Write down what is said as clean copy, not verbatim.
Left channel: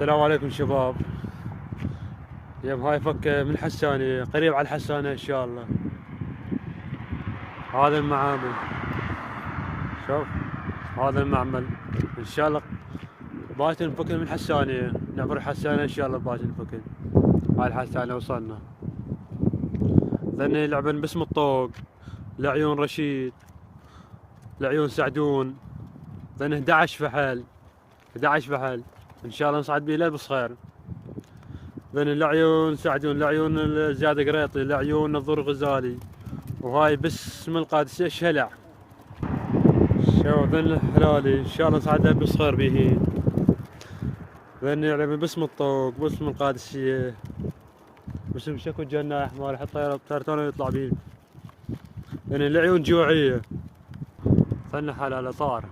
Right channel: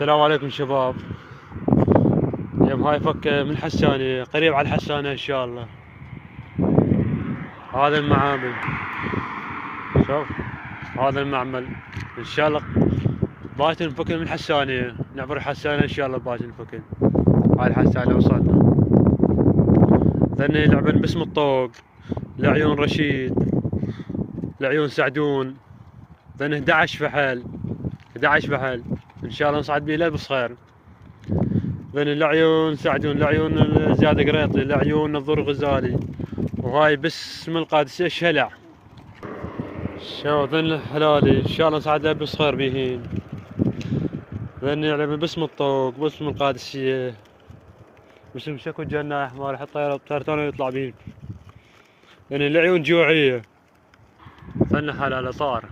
السلام عليكم شباب. اليوم هاي فك من الحسانية، قريب على الحسانة ان شاء الله. هذا المعامل، شوف هذا المعمل ان شاء الله باكر نفك من الحسانية، نعبر الحسانة ان شاء الله باكر نفك. هاي الحسانة وصلنا. ذني لعبن باسم الطوق، لعيون رشيد، لعيون سعدون، ذن 11 فحل 11 فحل ان شاء الله نصعد بيه للبصخير. ذن لعيون سعدون، لعيون زياد قريطي، لعيون نظور غزالي، وهاي باسم القادسية شلع. شوف ذن الحلالي ان شاء الله نصعد للبصخير بيهين. ذن يعلم باسم الطوق، باسم القادسية، باسم شكو الجناح مال حط طيرتون يطلع بيه. ذن العيون جوعية. ذن حلالة طار.